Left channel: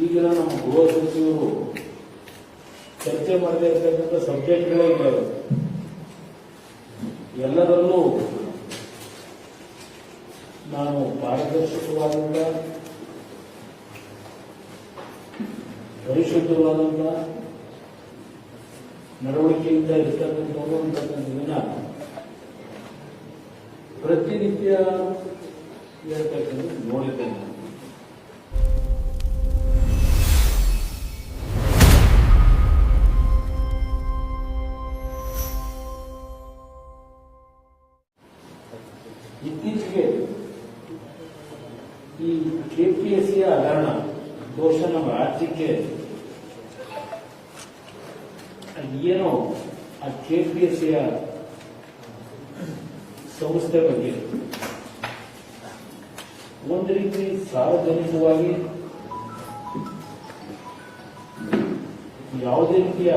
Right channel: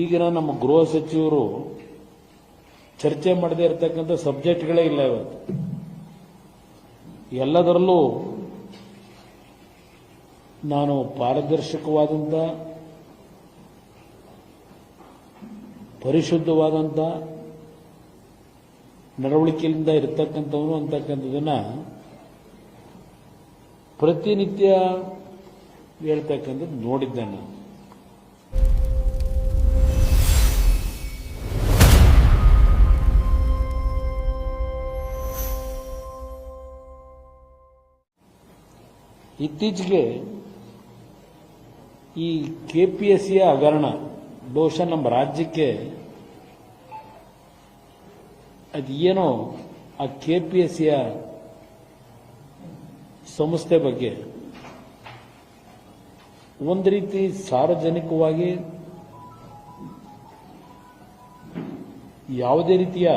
ಈಗಿನ ನಮ್ಮ ಗೃಹ ಸಚಿವರು ಚರ್ಚೆ ಮಾಡದೇ ಇರತಕ್ಕಂಥ ಸಬ್ಜೆಕ್ಟ್ಗಳೇ ಇಲ್ಲ ಇವರು. ಎಲ್ಲದರಲ್ಲೂ ನಾನು ಪಾರದರ್ಶಕವಾದಂಥ ಪರಿಶುದ್ಧವಾದಂಥ ನಡವಳಿಕೆಯಿಂದ ಇರತಕ್ಕಂಥವನು ಅಂತಕ್ಕಂಥದ್ದನ್ನು ಪ್ರತಿನಿತ್ಯ ಹೇಳ್ತಕ್ಕಂಥದ್ದು ನೋಡಿದ್ದೇನೆ. ಇತ್ತೀಚೆಗೆ ಈ KPSCಯ ಹಗರಣ ಬಹುಶಃ ನಮ್ಮ ರಾಜ್ಯಕ್ಕೆ ಅದೇನೋ ಆ KPSCಯ ಸಂಸ್ಥೆ ಬಗ್ಗೆ ಒಂದು ರೀತಿ ಸಾರ್ವಜನಿಕವಾಗಿ ಯಾವುದೇ ರೀತಿಯ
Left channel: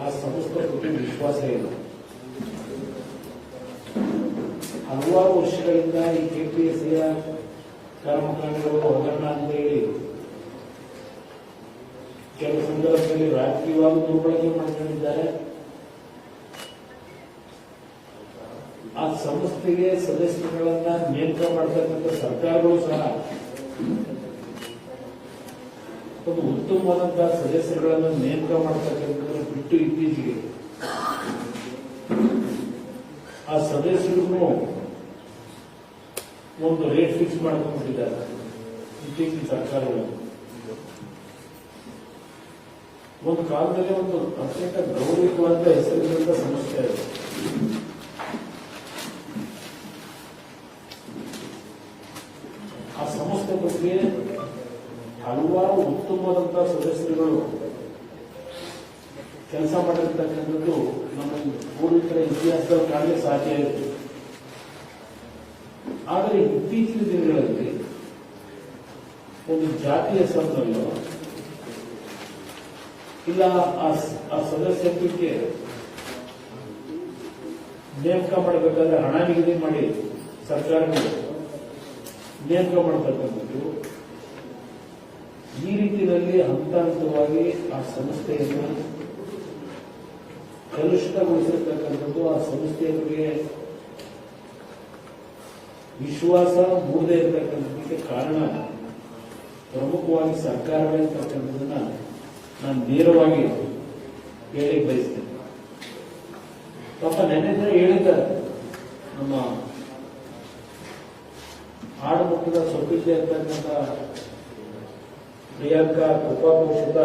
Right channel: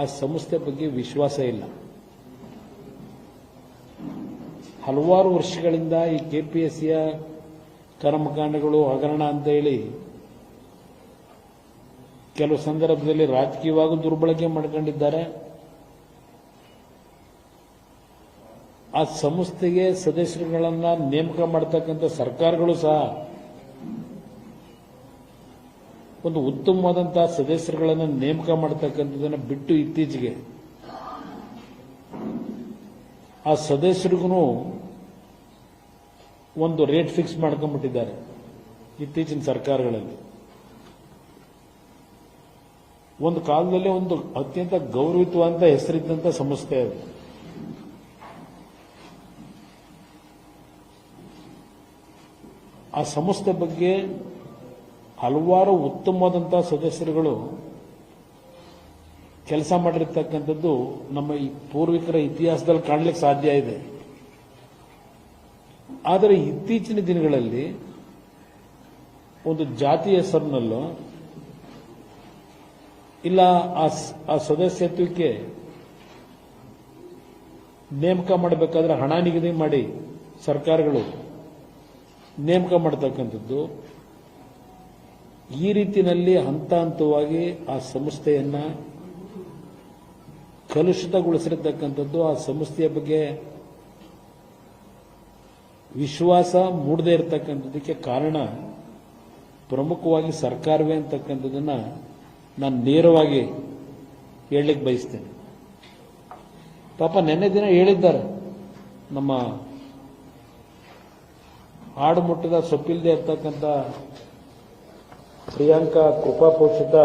ಆ ಸಂಸ್ಥೆ ಬಗ್ಗೆ ವಿಶ್ವಾಸ ಇಲ್ಲ. ಹಲವಾರು ವರ್ಷಗಳಿಂದ ಈ KPSCಯ ಕರ್ಮಕಾಂಡಗಳು ಹಗರಣ ಅಂತ ಹೇಳಿ ಕೆಲವು ಸಂದರ್ಭದಲ್ಲಿ ರಾಜಕೀಯವಾಗಿ ದುರ್ಬಳಕೆ ಮಾಡಿಕೊಂಡಿದ್ದಾರೆ. ಆ ಸಂಸ್ಥೆಗೆ ಸದಸ್ಯರುಗಳನ್ನ ನೇಮಕ ಮಾಡತಕ್ಕಂಥ ಸರ್ಕಾರಗಳು ಸಹ ಒಂದು ಉತ್ತಮವಾದಂತಹ ಸದಸ್ಯರುಗಳನ್ನು ನೇಮಕ ಮಾಡತಕ್ಕಂಥದ್ದನ್ನು ಬಿಟ್ಟು ಇತ್ತೀಚೆಗೆ ಆ ಸದಸ್ಯರಿಗೂ ಒಂದು ರೇಟ್ ಫಿಕ್ಸ್ ಮಾಡ್ಕೊಂಡ್ಬಿಟ್ಟಿದ್ದಾರೆ ಇತ್ತೀಚಿನ ಸರ್ಕಾರಗಳಲ್ಲಿ. ಒಂದು ಕಾಲದಲ್ಲಿ ಒಂದು ಅತ್ಯಂತ ಗೌರವಿತವಾದ ಹೆಸರಿದ್ದಂಥ ಸಂಸ್ಥೆ ಅದು. ಆ ಸಂಸ್ಥೆ ಬಗ್ಗೆ ಹಲವಾರು ಉತ್ತಮವಾದಂತಹ ಸದಸ್ಯರುಗಳು ಕೆಲಸ ಮಾಡಿರ್ತಕ್ಕಂಥದ್ದು ನಮ್ಮ ಪೂರ್ವಿಕರ ಇತಿಹಾಸದಲ್ಲಿ ಕಾಣಲಿಕ್ಕೆ ಸಾಧ್ಯ ಇದೆ. ಆದರೆ ಇತ್ತೀಚಿನ ದಿನಗಳಲ್ಲಿ ಒಂದು ಜಾತಿ ಹೆಸರಿನಲ್ಲೋ ಇಲ್ಲ ಆ ಸದಸ್ಯತ್ವಕ್ಕೆ ನೇಮಕ ಮಾಡಬೇಕಾದ್ರೆ ಹಣ ನಿಗದಿ ಮಾಡಿ ಸರ್ಕಾರಗಳು ನೇಮಕ ಮಾಡತಕ್ಕಂಥದ್ದು, ಈ ರೀತಿಯಲ್ಲಿ ಹಂತ ಹಂತವಾಗಿ ಆ ಸಂಸ್ಥೆಯನ್ನು ಕಲುಷಿತಗೊಳಿಸಿರತಕ್ಕಂಥದ್ದು, ಆ ಸಂಸ್ಥೆಯ ಬಗ್ಗೆ ವಿಶ್ವಾಸ ಮೂಡದೇ ಇರತಕ್ಕಂಥದ್ದಕ್ಕೆ ಕಾರಣ ಪ್ರಮುಖವಾಗಿ ಸರ್ಕಾರವೇ ಅಂತಕ್ಕಂಥದ್ದನ್ನು ನಾನು ನೇರವಾಗಿ ಹೇಳಲಿಕ್ಕೆ ಬಯಸ್ತೇನೆ. ಪಾಪ ನಿನ್ನೆ ದಿನ ಹೇಳಿದ್ದಾರೆ, ನಮ್ಮ ಹಾಡು ಮುಟ್ಟಿದ ಸೊಪ್ಪಿಲ್ಲದೆ ಇರ್ತಕ್ಕಂಥ ಪ್ರಿಯಾಂಕಾ ಕೃಪಾಪೋಷಿತ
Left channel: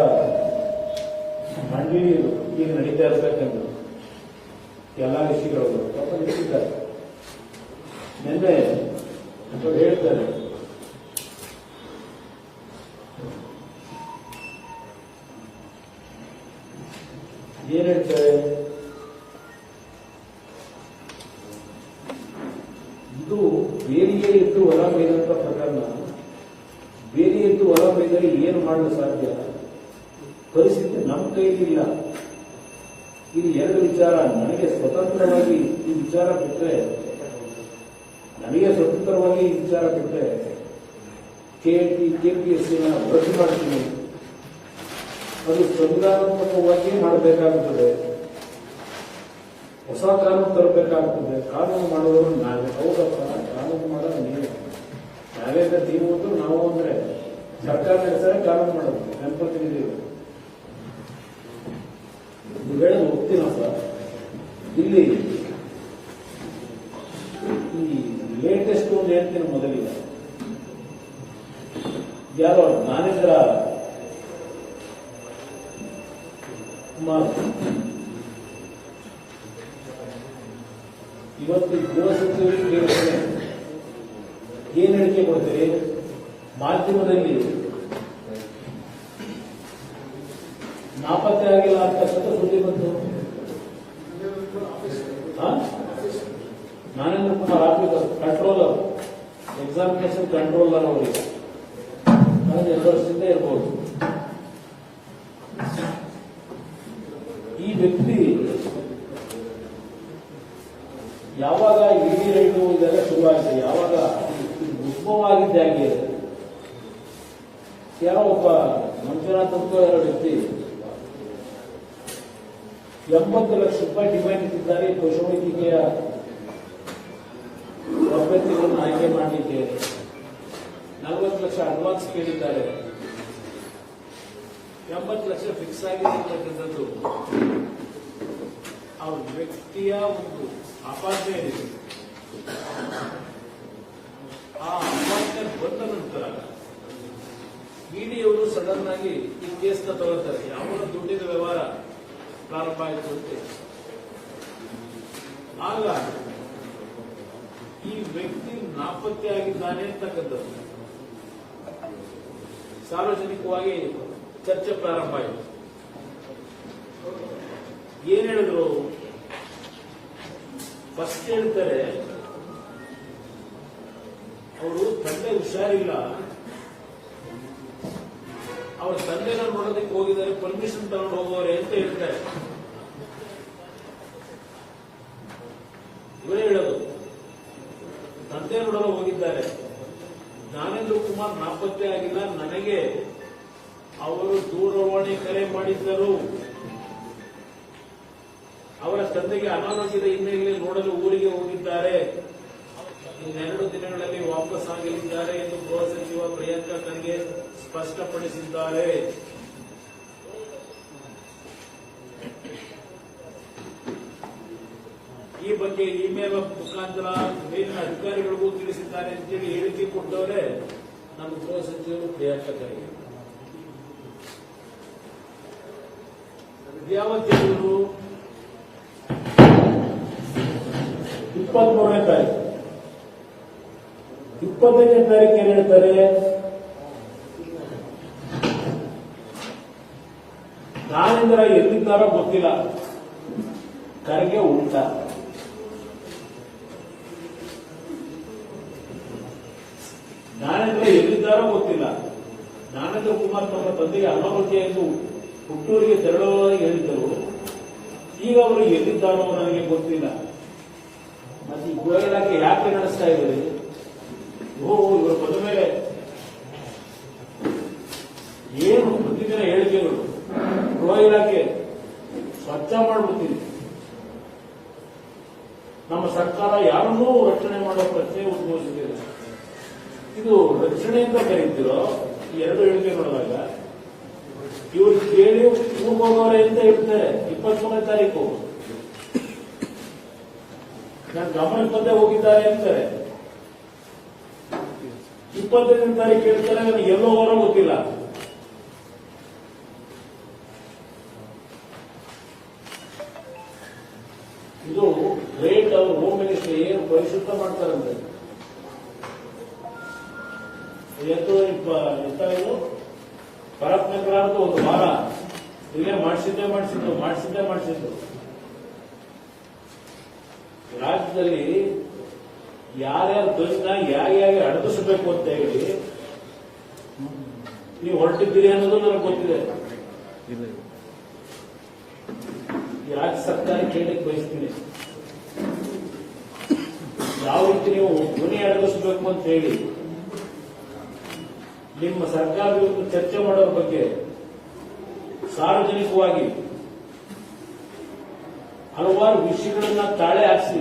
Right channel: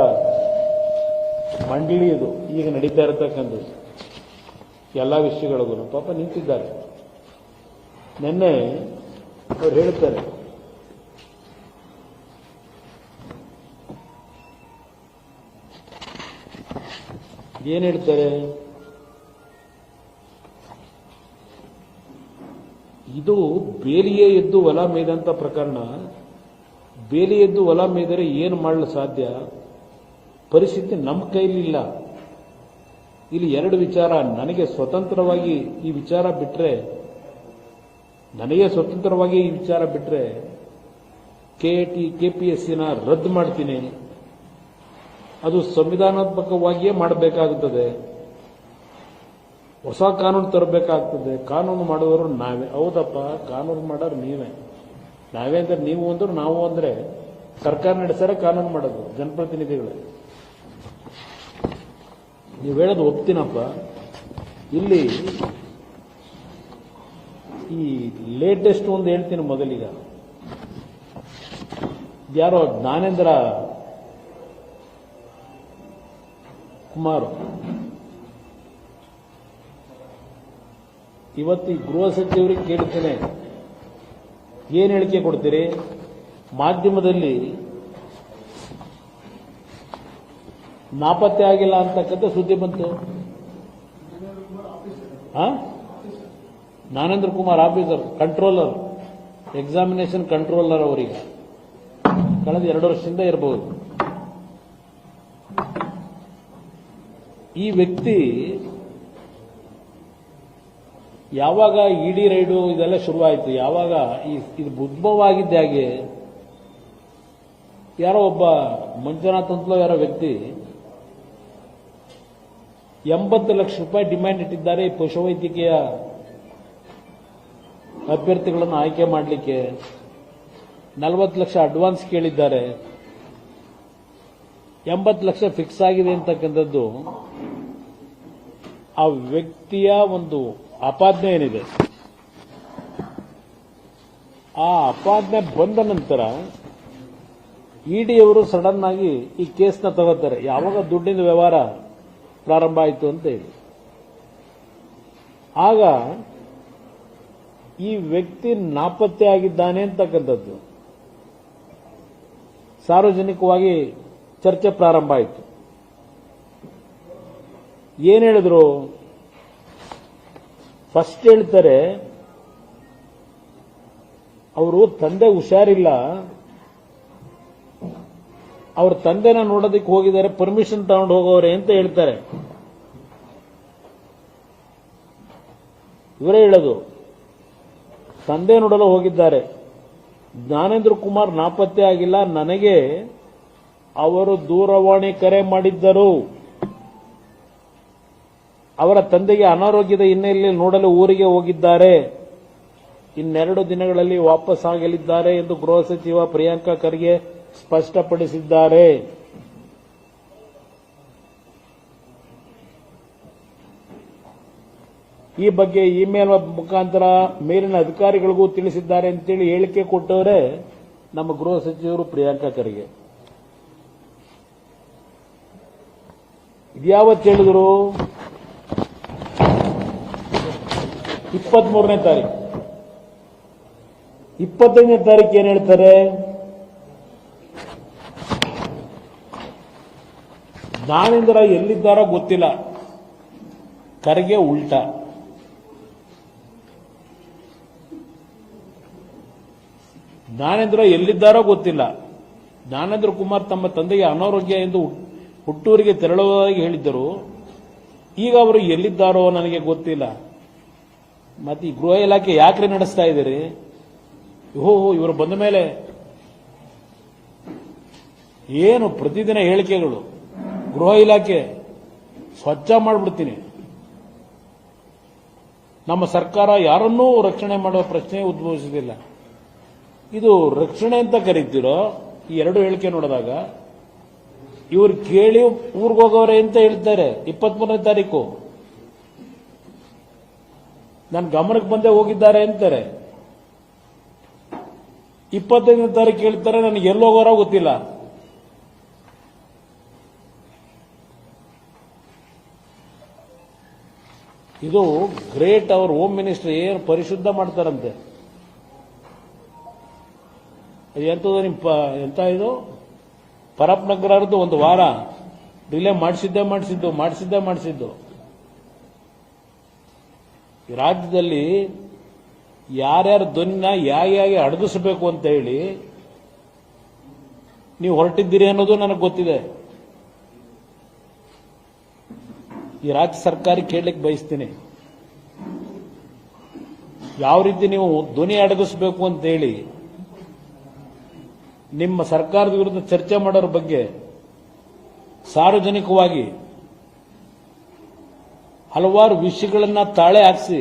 ಮಂಡಳಿ ಇದು ಈಗ ನಡೀತಾ ಇರತಕ್ಕಂಥದ್ದು ಎಲ್ಲ ವಿಷಯಗಳು ಪಾಪ ನಿಂತಿದ್ದಾರೆ. ನಿನ್ನೆ ಅವರು ಹೇಳ್ತಾರೆ, ಏನ್ ಹೇಳ್ತಾರೆ, ಇದು ಬೇಲಿಯೇ ಎದ್ದು ಹೊಲ ಮೇಯ್ದಂತ ಪ್ರಕರಣ. ಬೇಲಿ ಎದ್ದು ಹೊಲ ಮೇಯ್ದರೆ ಏನು ಮಾಡಲು ಸಾಧ್ಯ? ಪರಿಸ್ಥಿತಿ ನಮ್ಮ ಕೈಲಿಲ್ಲ. ಇಲ್ಲಿ ಎರಡು ವಿಚಾರ, ನನಗೆ ಸ್ವತಂತ್ರವಾಗಿ ಈ ವಿಚಾರ ಬಿಟ್ಟರೆ KPSCನ ರದ್ದು ಮಾಡ್ತೀನಿ. ಅದು ಸಂವಿಧಾನಾತ್ಮಕವಾಗಿಯೇ ಮಾಡಬೇಕಾಗುತ್ತದೆ, ಹೊಸ ಕಾನೂನು ತರಬೇಕಾಗ್ತದೆ. ಕಾನೂನು ಮಾಡುವವರು ನಾವೇ. ಹೌದಪ್ಪ, ಕಾನೂನು ಮಾಡೋದು ನೀವೇ. ನಾವೇ ನೀವು ಅಂದ್ರೆ ನಾವು ಅಂದ್ರೆ ಸರ್ಕಾರ ನಡೆಸರೆ ಕಾನೂನು ಮಾಡೋದು ಜನಪ್ರತಿನಿಧಿಗಳು. ನೀವು ಹೇಳೋದು ಒಪ್ತೀನಪ್ಪ. ಇಲ್ಲಿ ಈ ಲೇಟೆಸ್ಟ್ ಒಂದು ಹೇಳ್ತೀನಿ ಮೊದಲಿಗೆ. ಯಾರೋ ಜ್ಞಾನೇಂದ್ರ ಕುಮಾರ್ ಇವತ್ತು ಈ ಗೃಹ ಸಚಿವರಿಗೆ ಕೇಳಿದ್ದೇನೆ, ಏನ್ ಹೇಳಿಕೆ ಕೊಡ್ತೀರಿ? ಮಾಧ್ಯಮದಲ್ಲಿ ನಾಪತ್ತೆ ಆಗಿಲ್ಲ ಅಂತಕ್ಕಂಥ ಸುದ್ದಿ ಬಂತು. Jnanendra Kumar officer, controller, examination controller ಅವರಿಗೆ ಕಳೆದ 2 ವರ್ಷದಿಂದ ಇರಬಹುದು. ಈ ವ್ಯಕ್ತಿ ಯಾವಾಗ ಇಡಿ ರೈಡು ಇದೆಲ್ಲ ಶುರು ಆಯಿತು, ಯಾವಾಗ ಈ ಉದ್ಭವ ಆಗಿದ್ದೆ ಹಾಗೆ ಯಾರೋ ಒಬ್ಬ ಮಂಜುನಾಥ್ ಅಂತ ಯಾರೋ ವ್ಯಕ್ತಿ 80 ಲಕ್ಷ ರೂಪಾಯಿ ಡಿಮ್ಯಾಂಡ್ ಇಟ್ಟಿದ್ದಾರೆ ಪಶುವೈದ್ಯಕೀಯ ಅಭ್ಯರ್ಥಿಗಳನ್ನು ಆಯ್ಕೆ ಮಾಡಲಿಕ್ಕೆ. 40 ಲಕ್ಷ ಅಡ್ವಾನ್ಸ್ ಕೇಳಿದ್ದಾರೆ. 80 ಲಕ್ಷ ಫಿಕ್ಸ್ ಆಗಿದೆ ಅಂತಕ್ಕಂಥದ್ದು ಆ ವ್ಯಕ್ತಿಯ ಒಂದು ಆಪಾದನೆ ಏನಿದೆ. ಆ ಆಪಾದನೆ ಬಂದ ನಂತರ ಇಡಿಯವರು ಸಡನ್ ಆಗಿ ಈ ಕೇಸ್ನ ತಗೋತಾರೆ. ಯಾವಾಗ ದುಡ್ಡಿನ ವ್ಯವಹಾರ ಪ್ರಾರಂಭ ಆಯಿತು ಅಂತ. ಆಗ ಈ ವ್ಯಕ್ತಿ ನಾಪತ್ತೆ ಆಗಿದ್ದಾನೆ ಅಂತಕ್ಕಂಥದ್ದು ಸಾರ್ವಜನಿಕವಾಗಿ ಚರ್ಚೆ ಪ್ರಾರಂಭ ಆಯಿತು. ಏನ್ ಹೇಳಿದ್ರು? ಫಸ್ಟ್ ಹೇಳ್ತಾರೆ ಅವರು ತಂದೆ ಹುಷಾರಿಲ್ಲ, ಅವ್ರ ತಂದೆನ ನೋಡೋದಕ್ಕೆ ಹೋಗಿದ್ದಾರೆ, ಪರ್ಮಿಷನ್ ತಗೊಂಡು ಹೋಗೋರೆ ಅಂತ ಹೇಳ್ತಾರೆ. ಇವರೇ ಹೇಳೋದು, ತಂದೆ ನೋಡಲು ಹೋಗಿದ್ದಾರೆ. ಜ್ಞಾನೇಂದ್ರ ಕುಮಾರ್ ನಾಪತ್ತೆ ಆಗಿಲ್ಲ, ನನಗೆ ಅವರು ದೂರವಾಣಿ ಕರೆ ಮಾಡಿದ್ದರು. ಅವರ ತಂದೆಗೆ ಅನಾರೋಗ್ಯದ ಹಿನ್ನೆಲೆಯಲ್ಲಿ ನೋಡಲು ಊರಿಗೆ ಹೋಗಿದ್ದಾರೆ. ಇನ್ನೆರಡು ದಿನಗಳಲ್ಲಿ ವಾಪಸ್ ಆಗಲಿದ್ದಾರೆ ಎಂದು ಗೃಹ ಸಚಿವ ಪ್ರಿಯಾಂಕಾ ಖರ್ಗೆ ಸ್ಪಷ್ಟಪಡಿಸಿದ್ದಾರೆ. ಈ ಬಗ್ಗೆ ಇಮೇಲ್ ಮುಖಾಂತರ ಮೇಲಿನ ಅಧಿಕಾರಿಗಳಿಗೂ ತಿಳಿಸಿದ್ದಾರೆ ಅಂತೇಳಿ ಹೇಳಿಕೆ ಕೊಟ್ಟವರೇ ನಮ್ಮ ಗೃಹ ಸಚಿವರು ಪ್ರಿಯಾಂಕಾ ಖರ್ಗೆ. ಇದ್ಯಾವತ್ತು ಹೇಳಿದ್ರು? 23ನೇ ತಾರೀಕು. 25ನೇ ತಾರೀಕು ಏನ್ ಹೇಳ್ತಾರೆ? ಜ್ಞಾನೇಂದ್ರ ಎಲ್ಲಿದ್ದಾರೋ ಗೊತ್ತಿಲ್ಲ, ಖರ್ಗೆ ಉಲ್ಟಾ. ಜ್ಞಾನೇಂದ್ರ ಎಲ್ಲಿದ್ದಾರೋ ಗೊತ್ತಿಲ್ಲ. ಜ್ಞಾನೇಂದ್ರ ಕುಮಾರ್ ತಮ್ಮ ತಂದೆಗೆ ಅನಾರೋಗ್ಯ ಎಂದು ಹುಟ್ಟೂರಿಗೆ ತೆರಳುವುದಾಗಿ ಹೇಳಿದ್ದರು. ಈಗ ಅವರು ಎಲ್ಲಿದ್ದಾರೋ ನನಗೆ ಗೊತ್ತಿಲ್ಲ. ಮತ್ತೆ ಈ ಗೃಹ ಇಲಾಖೆ ಯಾಕೆ ನಡೆಸ್ತಾ ಇದ್ದೀರಿ? ಇವರು ಬಂದ ಮೇಲೆ ಏನು ಪ್ರತಿದಿನ ಹೇಳಿಕೆಗಳು? ಗೃಹ ಇಲಾಖೆ ಸ್ವಚ್ಛ ಮಾಡಿಬಿಡ್ತೀವಿ. ನಮ್ಮ ಸರ್ಕಾರ ಯಾರನ್ನೂ ರಕ್ಷಣೆ ಮಾಡುವ ಪ್ರಶ್ನೆ ಉದ್ಭವಿಸುತ್ತಿಲ್ಲ. ಇದು ರಕ್ಷಣೆ ಅಂತ ಕರೀತಿರೋ ಈ ಎರಡು ಹೇಳಿಕೆ ನೋಡಿದಾಗ ಇವರು ಕೇಳಿ ಊರಿಗೆ ಹೋಗೋರೆ ಅಂತ ಹೇಳ್ತಾರೆ. 23ನೇ ತಾರೀಕು ನನ್ನ ಗಮನಕ್ಕೆ ಬಂದೇ ಹೋಗಿದ್ದಾರೆ ಅಂತಾರೆ. 25ನೇ ತಾರೀಕು ಹೇಳ್ತಾರೆ ನನಗೆ ಎಲ್ಲೋ ಹೋಗೋರೋ ಗೊತ್ತಿಲ್ಲ. ಇದು ಗ್ರೇಟ್. ಅವ್ರ ಹೋಮ್ ಮಿನಿಸ್ಟರ್ ಏನು ಪರಿಶುದ್ಧ ಮಾಡ್ತಾರಂತೆ. ಇದು ಪರಪ್ ನಗರದ್ದು ಒಂದು ವಾರ ಡಿಲೇ ಮಾಡಿಸಿದ್ದು. ರಾಜ್ಯದಲ್ಲಿ ಯಾರ್ಯಾರ ಧ್ವನಿನ ಹೇಗೆ ಅಡಗಿಸಬೇಕು ಅಂತ ಹೇಳಿ ನೀವು ಹೊರಟಿದ್ದೀರಿ ಅನ್ನೋದು ನನಗೆ ಗೊತ್ತಿದೆ. ಈ ರಾಜ್ಯ ಸರ್ಕಾರ ಕೇಳಲಿಕ್ಕೆ ಬಯಸ್ತೀನಿ, ಯಾವ ರೀತಿ ನೀವು ಧ್ವನಿ ಅಡಗಿಸಬೇಕು ಅಂತ ಹೇಳಿ ನಿಮ್ಮ ಸರ್ಕಾರದ ವಿರುದ್ಧ ಚರ್ಚೆ ಮಾಡೋರ ಬಗ್ಗೆ ಸಾರ್ವಜನಿಕವಾಗಿ ಹಲವಾರು ವಿಷಯಗಳನ್ನ ತಾಳೆ ಹಾರಿಸಿ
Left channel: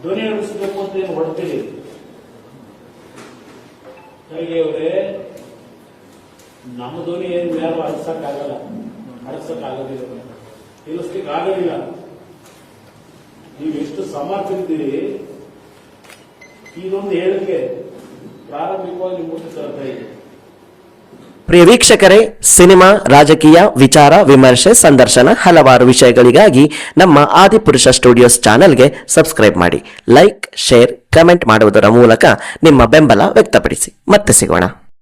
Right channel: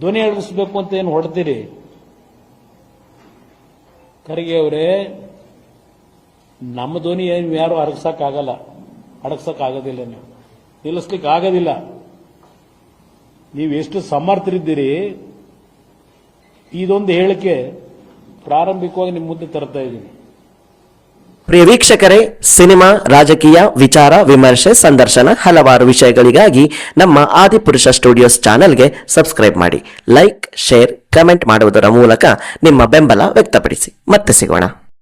ಧ್ವನಿ ಅಡಗಿಸಬೇಕು ಅಂತ ಏನು ಹೊಡೆದಿರಿ? ಖರ್ಗೆ ಅವರೇ, ನಮ್ಮ ಧ್ವನಿ ಏನು ಯಾರು ಅಡಗಿಸಕ್ಕಾಗೋದಿಲ್ಲ, ನಿಲ್ಲಿಸ್ಲಿಕ್ಕೆ ಆಗೋದಿಲ್ಲ. ನೀವು ಎಷ್ಟು ಸಮರ್ಥರಿದ್ದೀರಿ, ಇದೊಂದು ಹೇಳಿಕೆ ಪ್ರಾರಂಭಿಕವಾಗಿ ನಿಮ್ಮ ಮುಂದೆ ತರ್ತಾ ಇದೆ. ಪ್ರಿಯ ವೀಕ್ಷಕರೇ, ಸಿನಿಮಾ, ರಾಜಕೀಯ, ವಿಚಾರ, ವಿಮರ್ಶೆ, ಸಂದರ್ಶನ ಹಲವಾರು ವಿಷಯಗಳಿಗಾಗಿ ನಮ್ಮ ಆದಿಪುರುಷ ಸ್ಟುಡಿಯೋಸ್ ಚಾನೆಲ್ಗೆ ಸಬ್ಸ್ಕ್ರೈಬ್ ಮಾಡಿ. ಲೈಕ್, ಶೇರ್, ಕಮೆಂಟ್ ಮಾಡುವುದರ ಮೂಲಕ ನಿಮ್ಮ ಬೆಂಬಲ ವ್ಯಕ್ತಪಡಿಸಿ. ಮತ್ತೆ ಸಿಗೋಣ.